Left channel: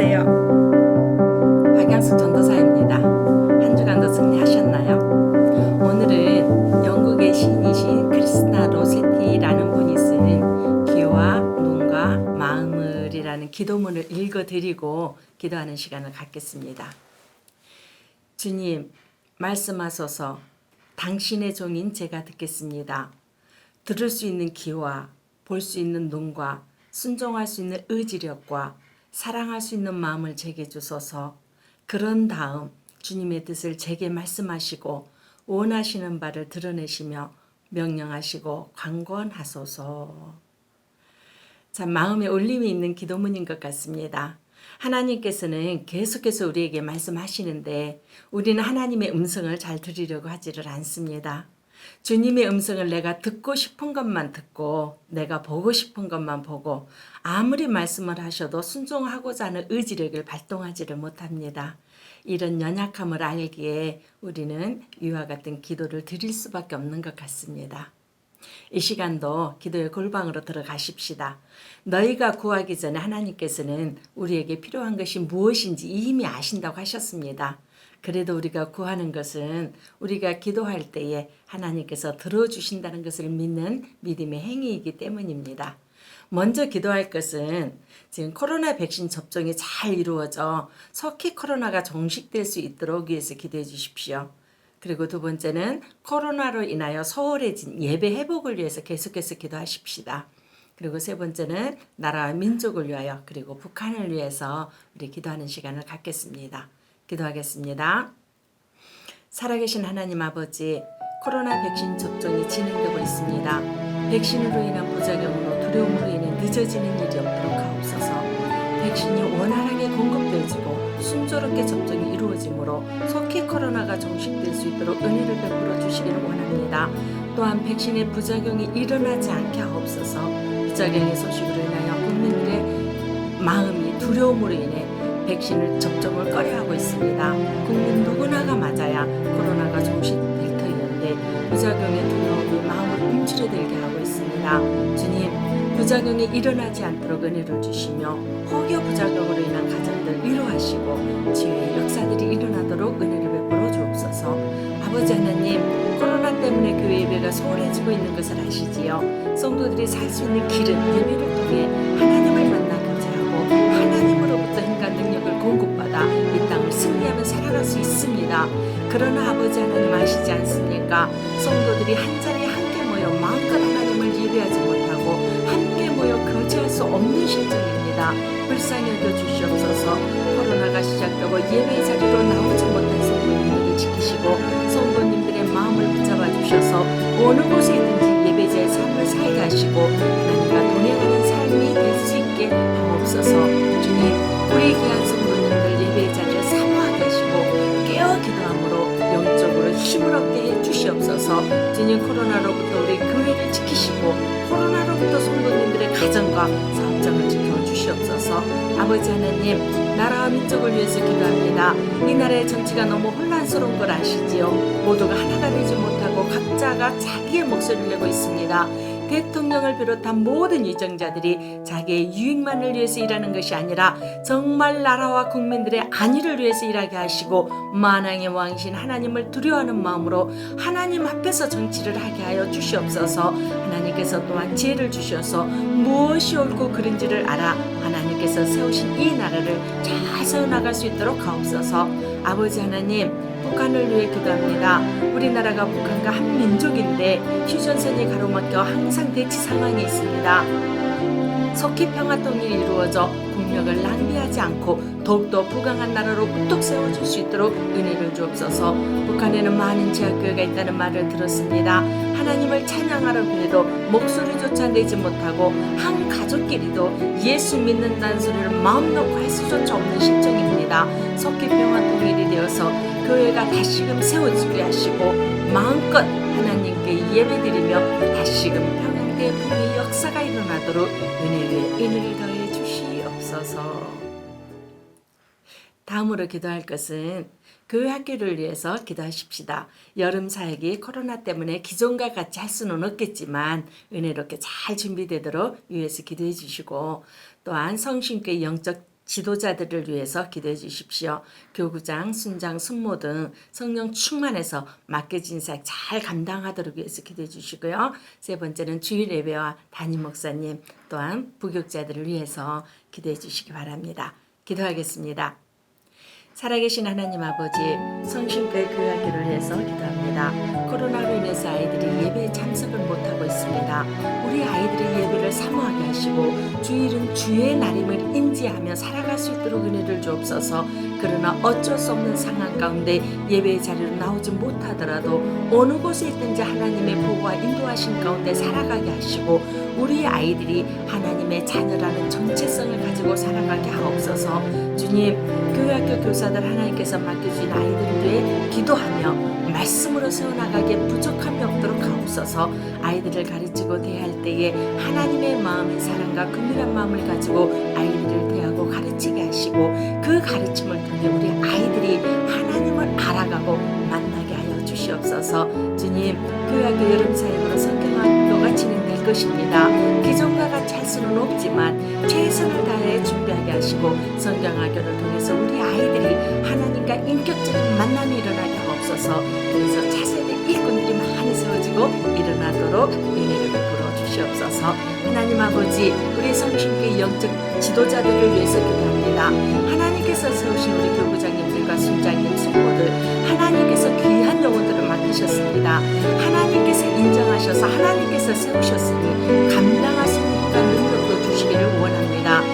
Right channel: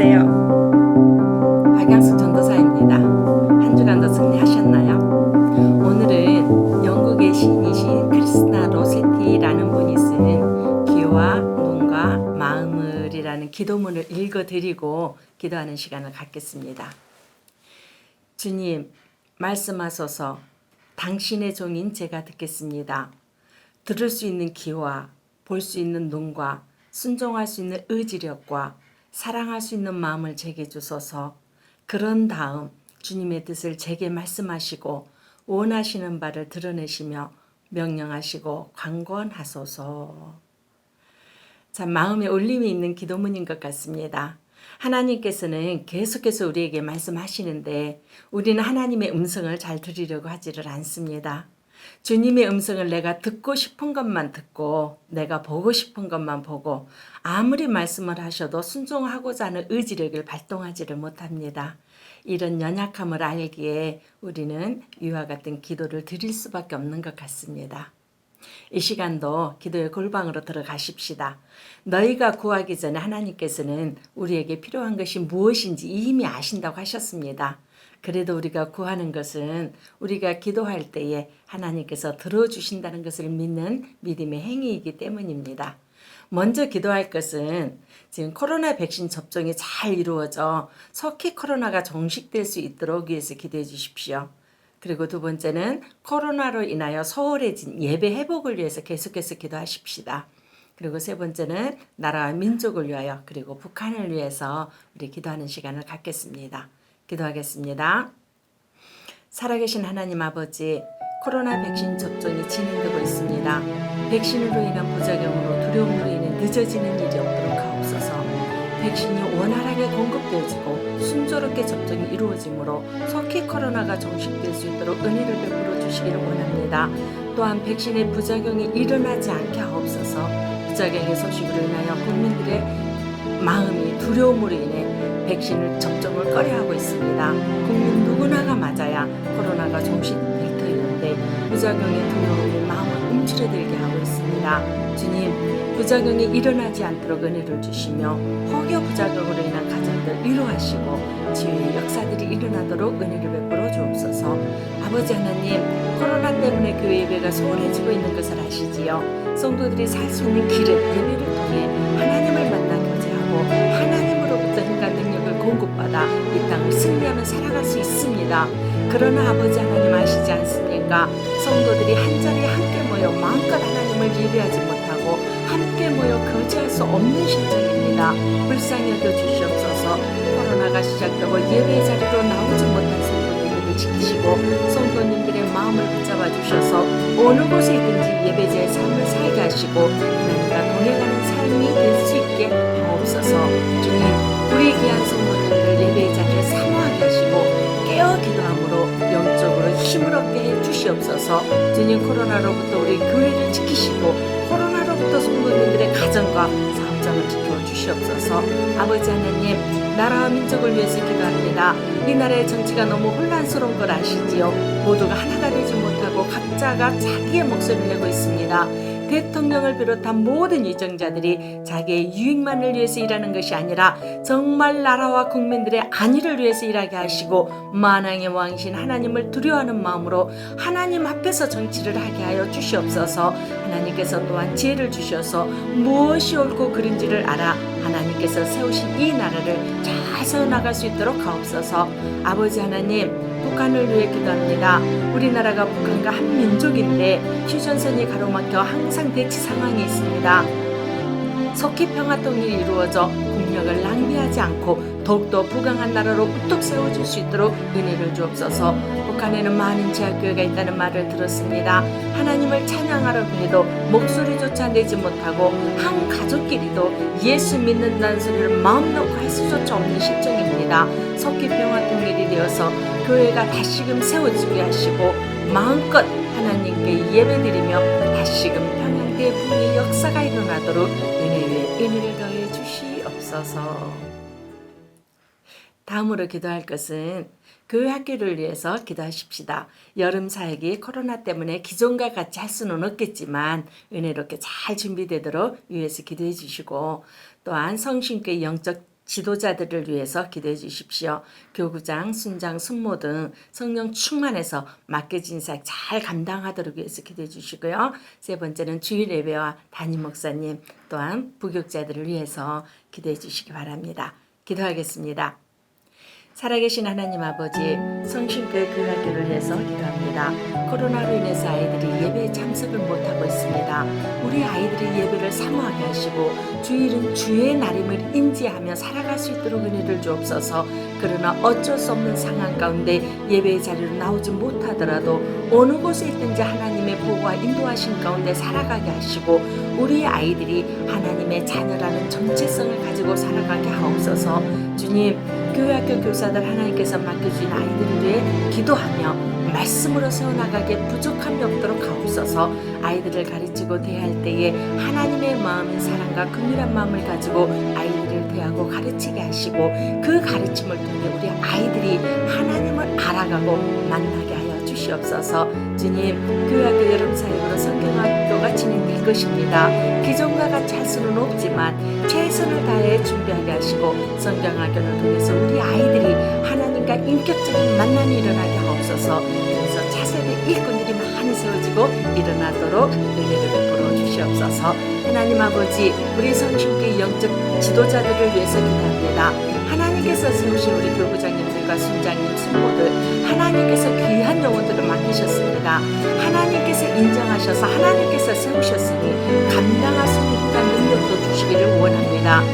안녕하세요. 박양숙 전도사입니다. 한 주간도 승리하셨나요? 오늘은 영국의 시인이신 크리스나 로세티라는 분이 쓴 귀와 눈과 마음을이라는 기도문을 읽어드리고 기도하는 시간을 갖겠습니다. 주님, 말씀하소서. 당신의 종인 제가 듣겠습니다. 들을 수 있는 귀와 볼 수 있는 눈과 순종할 수 있는 의지력과 사랑할 수 있는 마음을 제게 주소서. 그런 다음 주님의 뜻을 제게 말씀하시고 원하시는 바를 드러내시며 명령하시고 강권하소서. 참 마음에 울림이 있는 기도문인 것 같습니다. 하나님께서는 계속해서 우리에게 말씀하시는데 우리는 하나님의 음성을 잘 들으려고 하지를 않습니다. 주님의 음성을 내가 듣고 싶은 것만 듣고 내가 보고 싶은 것만 보고 아무리 말씀을 하셔도 순종하고자 하는 의지력을 발동하지를 못합니다. 이런 연약함을 알기에 우리는 이와 같은 기도를 드릴 수밖에 없는 것 같습니다. 이 시간도 기도의 골방으로 들어가십시다. 너희가 구하기 전에 하나님께서는 우리에게 필요한 것이 무엇인지 이미 아신다고 하셨습니다. 그래도 우리가 구하는 것은 우리가 기도할 때에 하나님께서 들어주신다는 것을 믿는 믿음의 행위이기 때문입니다. 먼저 기도할 것은 지금 코로나 백신 접종이 잘 이루어져 속히 코로나가 종식될 수 있도록 위해서 기도해 주십시오. 그리고 두 번째는 코로나로 인하여 소홀해진 예배 회복을 위해서 계속해서 기도하십시다. 그리고 세 번째는 나라와 민족을 위하여 그리고 북한을 위해서 우리 기도하는 시간을 갖겠습니다. 기도하겠습니다. 살아계신 하나님 아버지, 코로나 백신 접종이 진행되고 있습니다. 백신으로 인한 부작용으로 두려움으로 인해 늦어지는 일이 없도록 하옵소서. 백신이 원활하게 공급되어지고 순조롭게 접종이 이루어지므로 속히 코로나가 종식될 수 있도록 은혜를 베풀어 주시기를 원합니다. 또한 백신의 부작용이 일어나지 않게 하옵소서. 부작용의 소식으로 인하여 국민들의 마음이 두려움으로 인해 백신을 접종을 꺼려하고 있습니다. 국민 누구나가 맞아야 코로나가 종식될 터이는데 부작용의 두려움이 마음을 움츠러들게 하고 있습니다. 주님, 부작용이 일어나지 않도록 은혜를 주시며 혹여 부작용으로 인한 가정들 위로하시고 치유의 역사들이 일어나도록 은혜를 베풀어 주옵소서. 아버지 하나님, 코로나 때문에 교회 예배가 소홀해지고 있는 것을 아시지요. 성도들이 살 수 있는 길은 예배를 통해 하나님을 만나 교제하고 하나님으로부터 힘과 능력을 공급받아 이 땅을 승리하며 살아갈 수 있습니다. 그러나 아버지 하나님 아시지 않습니까? 성도들이 한자리에 함께 모여 마음껏 하나님을 예배하지 못하고 함께 모여 거주할 수 없는 실정입니다. 불쌍히 여겨 주시옵소서. 코로나가 시작되고 예배의 자리로 나오지 못한 성도님들을 지키시고 성도님들의 마음을 붙잡아 주셔서 어느 곳에 있든지 예배자의 삶을 살게 하시고 하나님과 동행하는 삶이 될 수 있게 하옵소서. 주님, 우리 귀한 성도님들 예배의 자리를 사모하게 하시고 깨어 기도함으로 영적으로 힘을 얻게 해 주시옵소서. 주님, 코로나로부터 우리 교회를 지키시고 코로나로부터 성도님들의 가정과 사업장을 지켜 주시옵소서. 아버지 하나님, 나라와 민족을 위해서 기도합니다. 이 나라의 정치가 너무 혼란스러운 걸 아시지요? 모두가 하나가 되지 못하고 각자가 자기의 목소리를 내고 있습니다. 대통령을 비롯한 모든 유정자들이 자기의 유익만을 위해서 일하는 것이 아니라 정말 나라와 국민들의 안위를 위해서 일하게 하시고 만왕의 왕이신 하나님을 두려워하는 마음으로 하나님 앞에서 정치를 하게 하여 주시옵소서. 하나님께서 또한 지혜를 주셔서 무엇이 옳고 그른지를 알아 하나님께서 세우신 이 나라를 잘 세워나갈 수 있도록 하옵소서. 아버지 하나님, 북한을 위해 기도합니다. 우리나라가 북한과 한 민족인데 휴전선이 가로막혀 항상 대치 상황이 있습니다. 속히 평화통일이 이루어져 국력을 낭비하지 않고 더욱더 부강한 나라로 우뚝 세워질 수 있도록 은혜를 주옵소서. 북한에는 많은 지하교회가 있다는 말을 들었습니다. 하나님을 찬양하려 해도 목소리조차 내지 못하고 한 가족끼리도 예수 믿는다는 소리를 마음 놓고 할 수조차 없는 실정입니다. 속히 평화통일이 되어서 교회가 다시금 세워지게 하시고 마음껏 하나님께 예배드리며 다시금 평양대 붕의 역사가 일어나도록 은혜 위에 은혜를 더해 주시옵소서. 다음으로 기도할 것은 교회 학교를 위해서 기도하십시다. 여름 사역이 코로나 때문에 기존과 같이 할 수는 없겠지만 은혜롭게 잘 준비되도록 위해서 기도해 주시고 또한 성신교회 영적 지도자들을 위해서 기도해 주십시오. 교구장, 순장, 순모 등 성령 충만해서 맡겨진 사역 잘 감당하도록 위해서 기도해 주시고요. 세 번째는 주일 예배와 담임 목사님 또한 부교육자들을 위해서 기도해 주시기 바랍니다. 기도하겠습니다. 살아계신 하나님 아버지, 성신교회 교회학교를 위해서 기도합니다. 코로나로 인해서 아이들이 예배에 참석을 못하고 있습니다. 우리 아이들이 예배를 사모하게 하시고 주일은 주의 날임을 인지하며 살아갈 수 있도록 은혜를 주옵소서. 그러나 어쩔 수 없는 상황 가운데 예배의 자리로 나오지 못하더라도 어느 곳에 있든지 하나님의 보호와 인도하신 가운데 살아가게 하시고 우리 아이들이 하나님의 자녀라는 정체성을 가지고 살아가게 하옵소서. 주님, 교회학교 교사들 하나님께서 맡겨주신 아이들을 위해 기도하며 말씀으로 세워나가기에 부족함이 없도록 하옵소서. 아이들을 가르치고 대할 때에 하나님의 마음인 사랑과 긍휼한 마음을 가지고 아이들을 대하고 가르치게 하시고 그 가르침을 통해 우리 아이들이 하나님을 알아가고 만나게 하여 주시옵소서. 주님, 교회학교 여름사역으로 성경학교가 진행될 것입니다. 기존과 같이 할 수는 없지만 최선을 다해 준비하게 하시고 성경학교를 통해서 우리 아이들이 하나님과 인격적인 만남이 일어나게 하옵소서. 그래서 차세대 일꾼들이 많이 세워지고 일어나도록 은혜를 베풀어 주시옵소서. 하나님 아버지, 우리 성신교회 영적 지도자들을 위해서 기도합니다. 하나님께서 세우신 우리 교부장님들과 순장님, 숙모들 하나님께서 귀한 영혼들을 맡기셨습니다. 하나님께서 인정하셔서 하나님께서 세우셨으니 감당할 수 있는 힘과 능력도 주시기를 원합니다.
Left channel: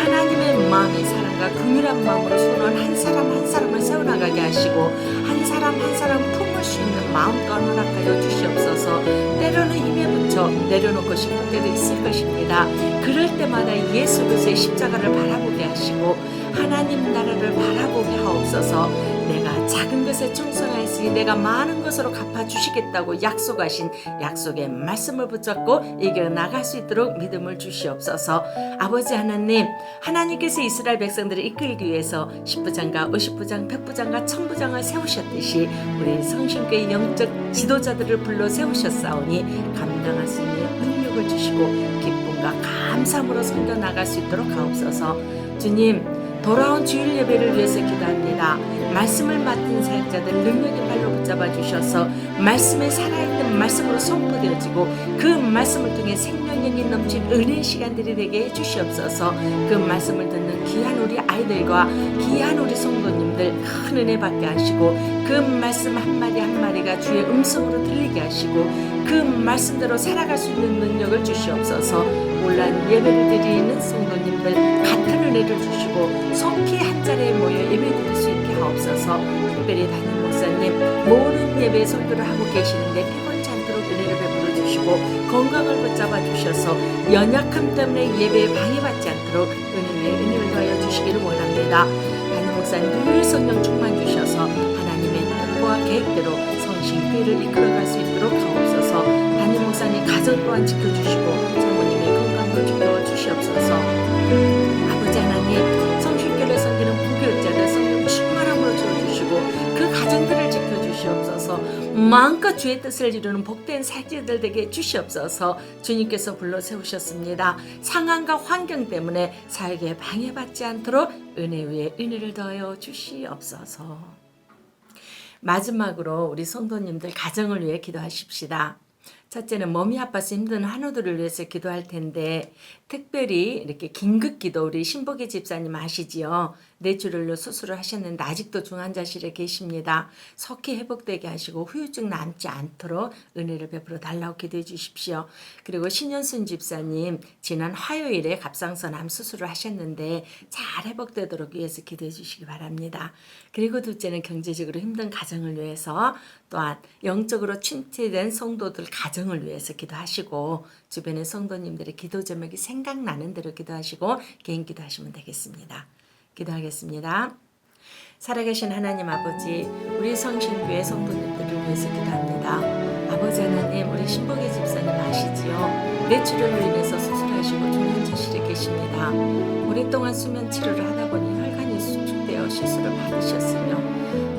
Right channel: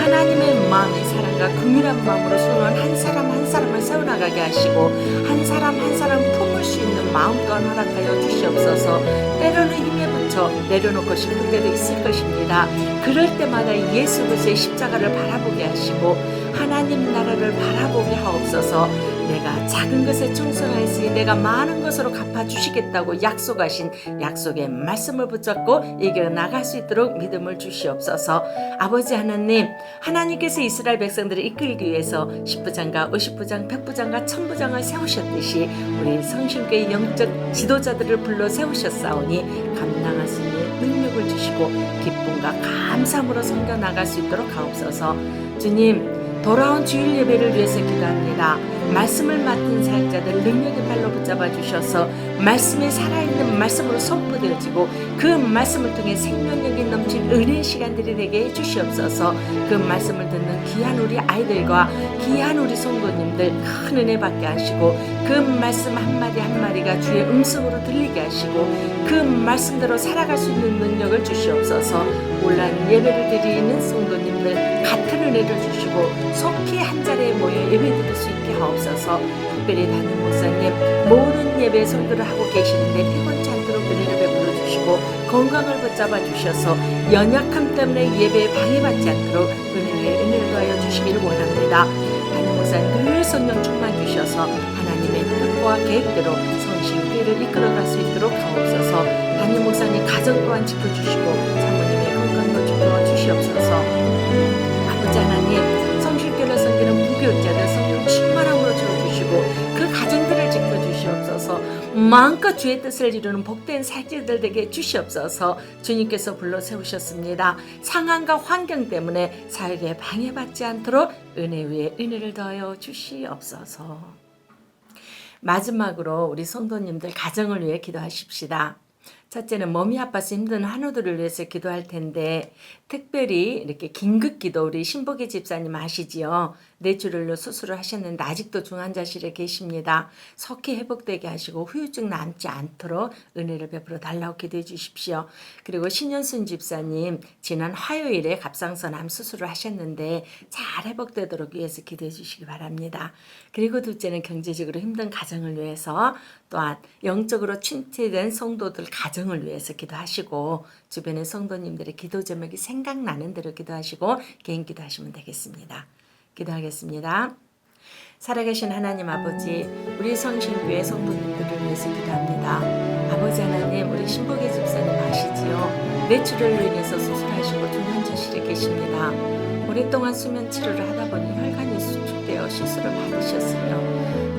하나님의 마음의 사랑과 긍휼한 마음으로 선언 한 사람 한 사람을 세워나가게 하시고 한 사람 한 사람 품을 수 있는 마음 또한 허락하여 주시옵소서. 때로는 힘에 붙여 내려놓고 싶을 때도 있을 것입니다. 그럴 때마다 예수 그리스도의 십자가를 바라보게 하시고 하나님 나라를 바라보게 하옵소서. 내가 작은 것에 충성하였으니 내가 많은 것으로 갚아주시겠다고 약속하신 약속의 말씀을 붙잡고 이겨나갈 수 있도록 믿음을 주시옵소서. 아버지 하나님, 하나님께서 이스라엘 백성들을 이끌기 위해서 10부장과 50부장, 100부장과 1000부장을 세우셨듯이 우리 성신교회 영적 지도자들을 불러 세우셨사오니 감당할 수 있는 능력을 주시고 기쁨과 감사함으로 섬겨나갈 수 있도록 하옵소서. 주님, 돌아온 주일 예배를 위해서 기도합니다. 말씀을 맡은 사역자들 능력의 발로 붙잡아 주셔서 말씀에 살아있는 말씀으로 선포되어지고 그 말씀을 통해 생명력이 넘친 은혜의 시간들이 되게 해주시옵소서. 그 말씀을 듣는 귀한 우리 아이들과 귀한 우리 성도님들 큰 은혜 받게 하시고 그 말씀 한마디 한마디가 주의 음성으로 들리게 하시고 그 말씀대로 살아갈 수 있는 능력을 주시옵소서. 온라인 예배를 드리는 성도님들 같은 은혜를 주시고 속히 한 자리에 모여 예배 드릴 수 있게 하옵소서. 특별히 담임 목사님 모든 예배 설교를 하고 계시는데 피곤치 않도록 은혜를 베풀어 주시고 건강을 붙잡아 주셔서 연약함 때문에 예배에 방해받지 않도록 은혜 위에 은혜를 더하여 주시기를 원합니다. 담임 목사님 늘 성령 충만 주셔서 하나님의 뜻과 계획대로 성신교회를 이끌어갈 수 있도록 하옵소서. 담임 목사님 가정 또한 지켜주시고 사모님의 건강도 지켜주시옵소서. 아버지 하나님, 성신교회를 섬기는 부교육자들 성령 충만함으로 채워주시고 그 가정들을 지켜주시옵소서. 마음껏 주의 뜻을 이루는 복된 사역자들 되게 주시옵소서. 주님께서 불러 세우셨습니다. 상황과 환경 때문에 사역에 방해받지 않도록 은혜 위에 은혜를 더하여 주시옵소서. 마지막으로 우리 성도님들 가정을 위해 기도하십시다. 첫째는 몸이 아파서 힘든 환우들을 위해서 기도할 텐데 특별히 이렇게 긴급기도 우리 신복희 집사님 아시지요? 뇌출혈로 수술을 하셨는데 아직도 중환자실에 계십니다. 속히 회복되게 하시고 후유증 남지 않도록 은혜를 베풀어 달라고 기도해 주십시오. 그리고 신현순 집사님 지난 화요일에 갑상선 암 수술을 하셨는데 잘 회복되도록 위해서 기도해 주시기 바랍니다. 그리고 둘째는 경제적으로 힘든 가정을 위해서 또한 영적으로 침체된 성도들 가정을 위해서 기도하시고 주변의 성도님들의 기도 제목이 생각나는 대로 기도하시고 개인 기도하시면 되겠습니다. 기도하겠습니다. 살아계신 하나님 아버지, 우리 성신교회 성도님들을 위해서 기도합니다. 아버지 하나님, 우리 신복희 집사님 아시지요? 뇌출혈로 인해서 수술하시고 중환자실에 계십니다. 오랫동안 수면 치료를 하다 보니 혈관이 수축되어 시술을 받으셨으며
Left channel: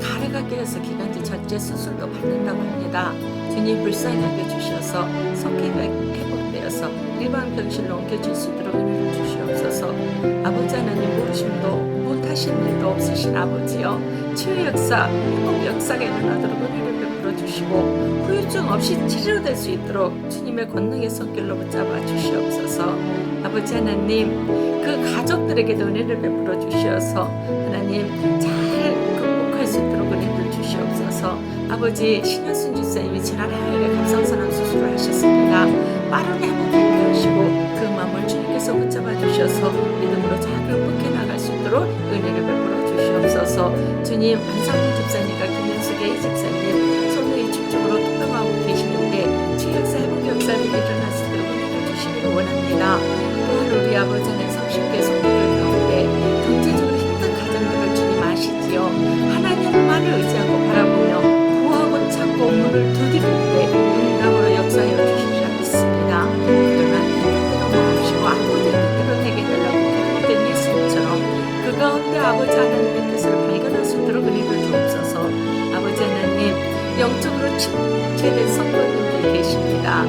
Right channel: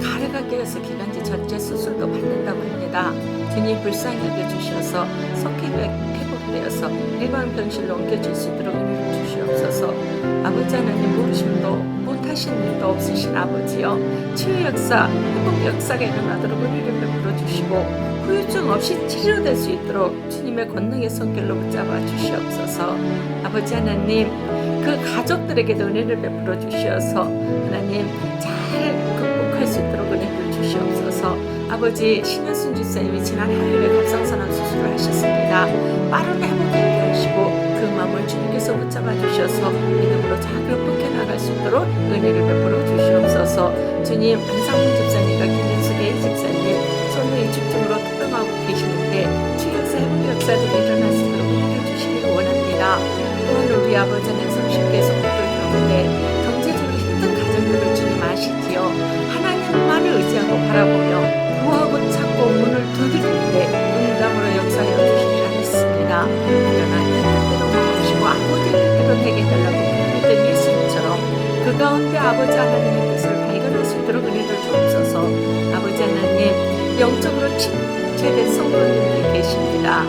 가래가 깨어서 기관지 절제 수술도 받는다고 합니다. 주님 불쌍히 여겨 주셔서 속히 회복되게 회복되어서 일반 병실로 옮겨질 수 있도록 은혜를 주시옵소서. 아버지 하나님, 모르심도 못하신 일도 없으신 아버지여, 치유 역사, 회복 역사가 일어나도록 은혜를 베풀어 주시고 후유증 없이 치료될 수 있도록 주님의 권능의 손길로 붙잡아 주시옵소서. 아버지 하나님, 그 가족들에게도 은혜를 베풀어 주시어서 하나님 잘 극복할 수 있도록 은혜를 주시옵소서. 아버지, 신현순 집사님이 지난 화요일에 갑상선암 수술을 하셨습니다. 빠른 회복이 있게 하시고 그 마음을 주님께서 붙잡아 주셔서 믿음으로 잘 극복해 나갈 수 있도록 은혜를 베풀어 주시옵소서. 주님, 안상문 집사님과 김윤숙 A 집사님 손의 집중으로 투병하고 계시는데 치유 역사, 회복 역사들이 일어날 수 있도록 은혜를 주시기를 원합니다. 또한 우리 아버지 하나님 성실계 성도들 가운데 경제적으로 힘든 가정들을 주님 아시지요. 하나님만을 의지하고 바라보며 구하고 찾고 문을 두드릴 때 응답으로 역사하여 주시리라 믿습니다. 그러나 내 뜻대로 마옵시고 아버지의 뜻대로 내게 달라고 기도했던 예수님처럼 그 가운데 아버지 하나님의 뜻을 발견할 수 있도록 은혜를 주옵소서. 아버지 하나님, 영적으로 침체된 성도님들 계십니다.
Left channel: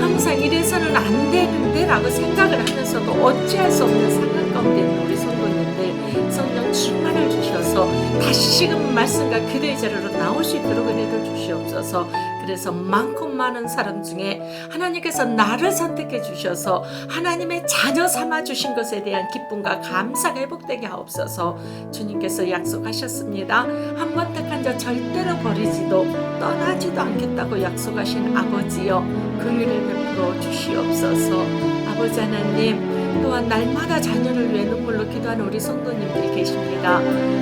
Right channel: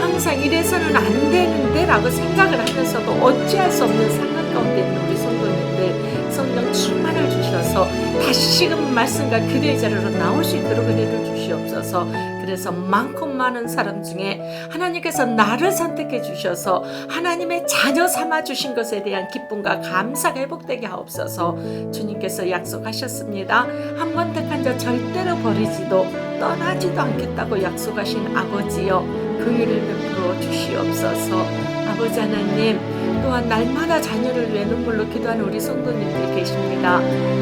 항상 이래서는 안 되는데 라고 생각을 하면서도 어찌할 수 없는 상황 가운데 있는 우리 성도님들 성령 충만을 주셔서 다시금 말씀과 기도의 자리로 나올 수 있도록 은혜를 주시옵소서. 그래서 많고 많은 사람 중에 하나님께서 나를 선택해 주셔서 하나님의 자녀 삼아 주신 것에 대한 기쁨과 감사가 회복되게 하옵소서. 주님께서 약속하셨습니다. 한 번 택한 자 절대로 버리지도 떠나지도 않겠다고 약속하신 아버지여, 긍휼을 베풀어 주시옵소서. 아버지 하나님, 또한 날마다 자녀를 위해 눈물로 기도하는 우리 성도님들이 계십니다.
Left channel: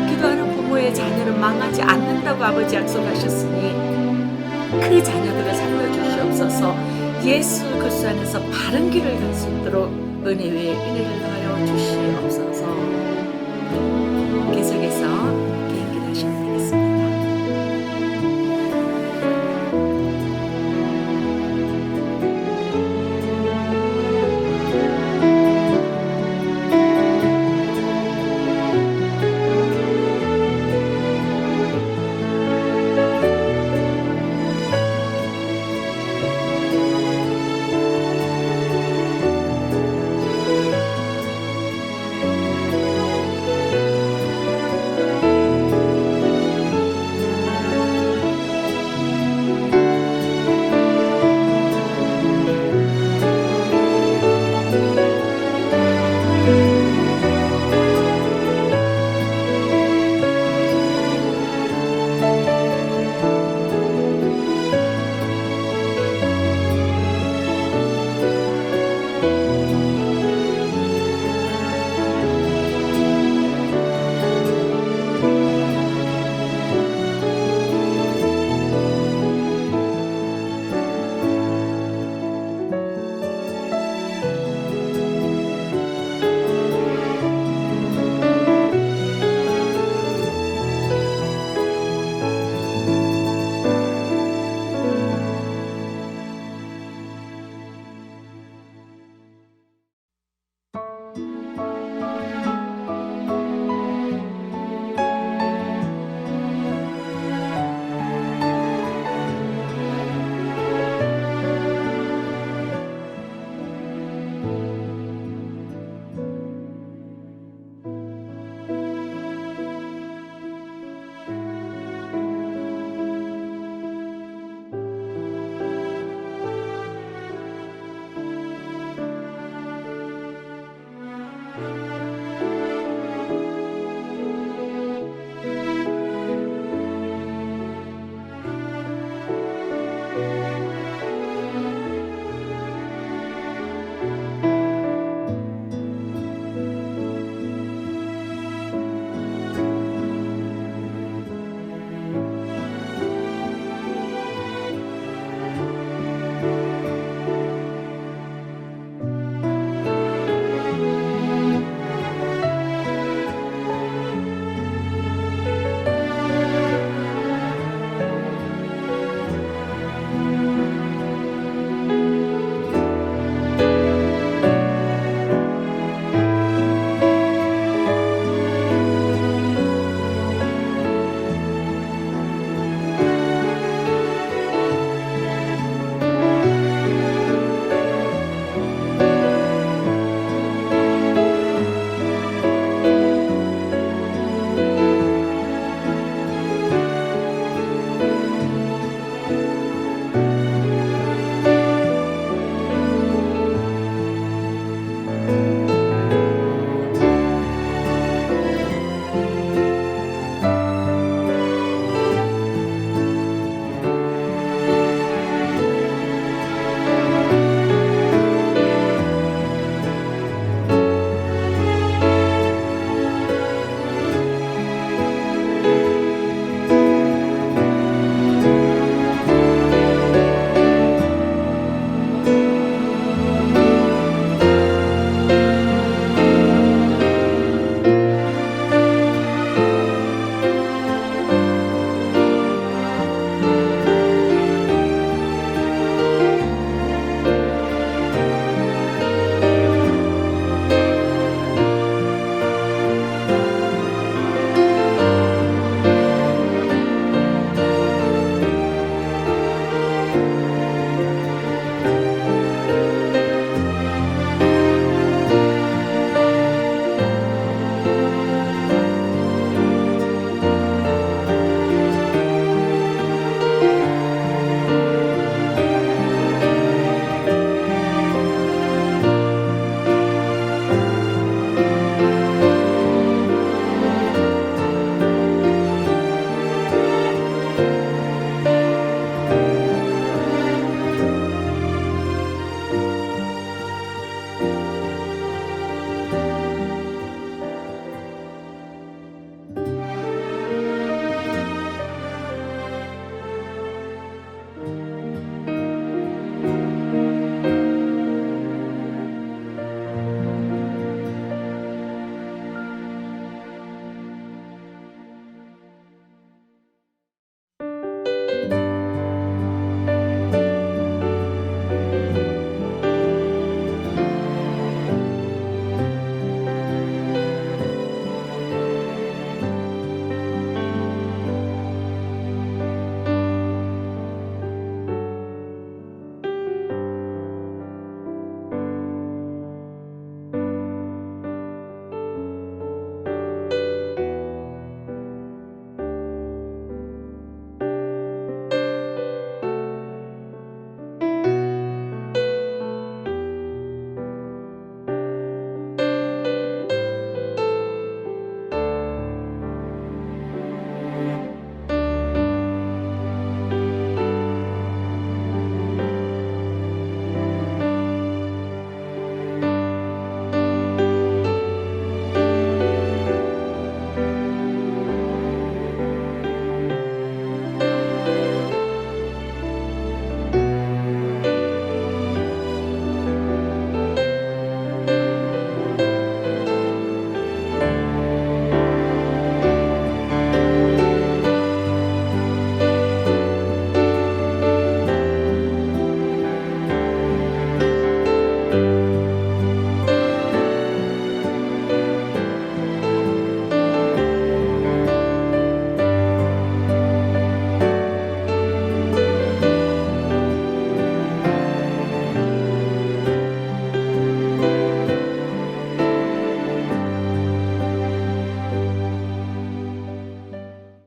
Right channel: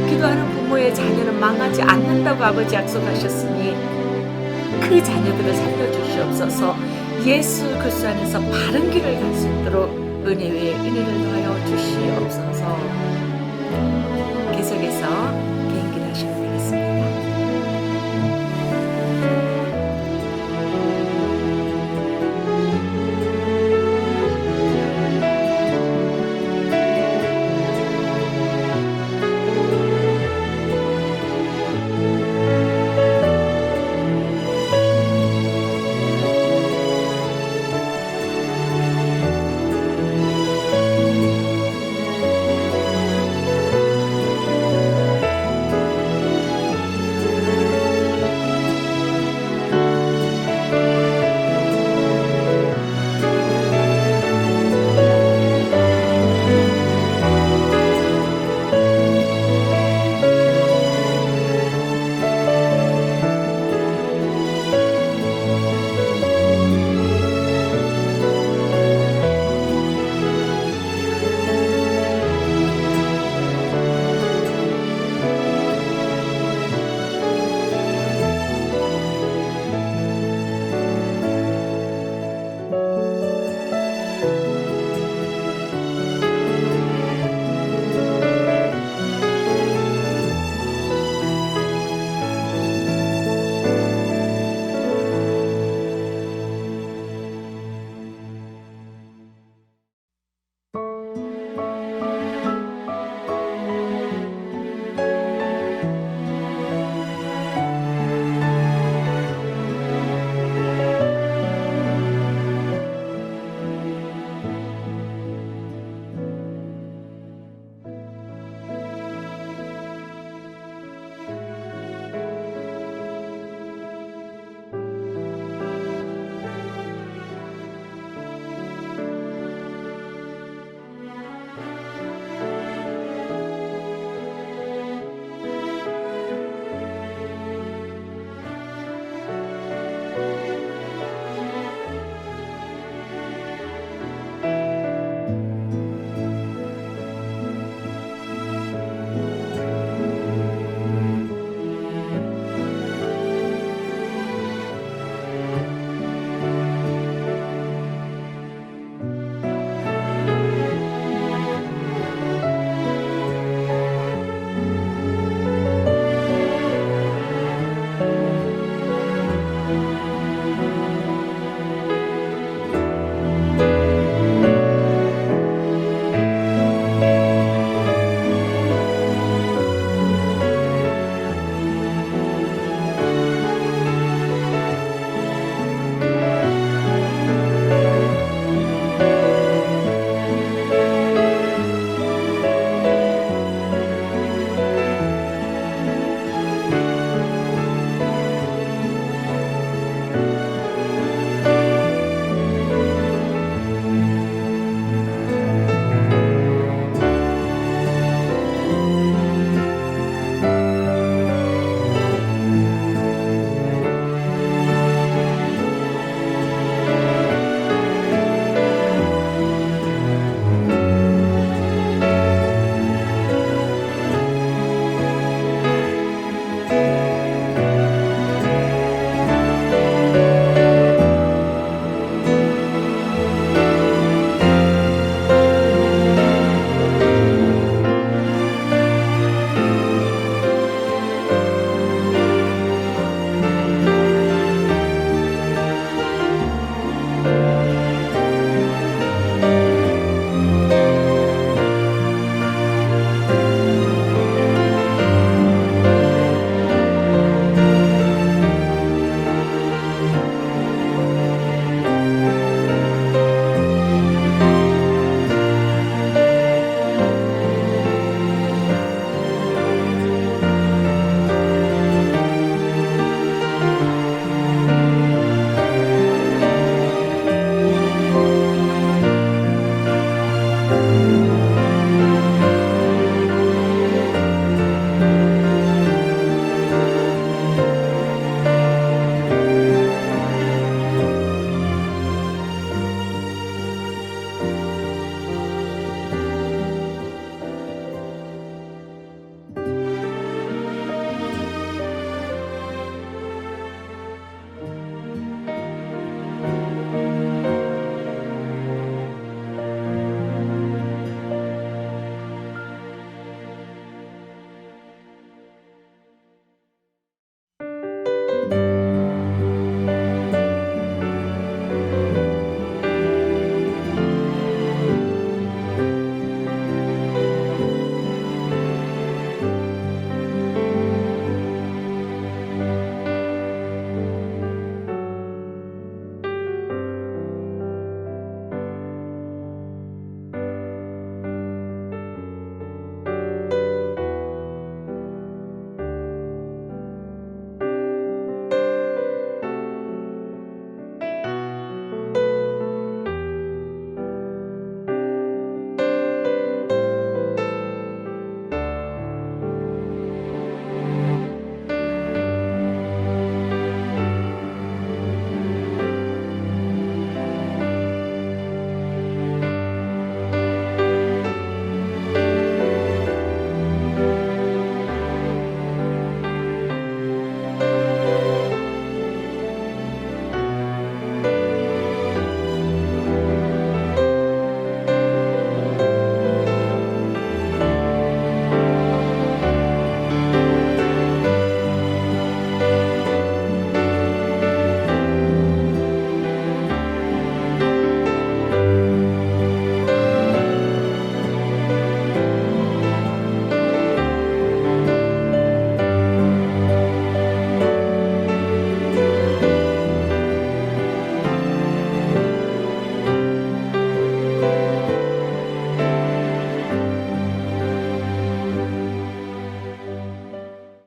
기도하는 부모의 자녀는 망하지 않는다고 아버지 약속하셨으니 그 자녀들을 살려주시옵소서. 예수 그리스도 안에서 바른 길을 갈 수 있도록 은혜 위에 은혜를 더하여 주시옵소서. 계속해서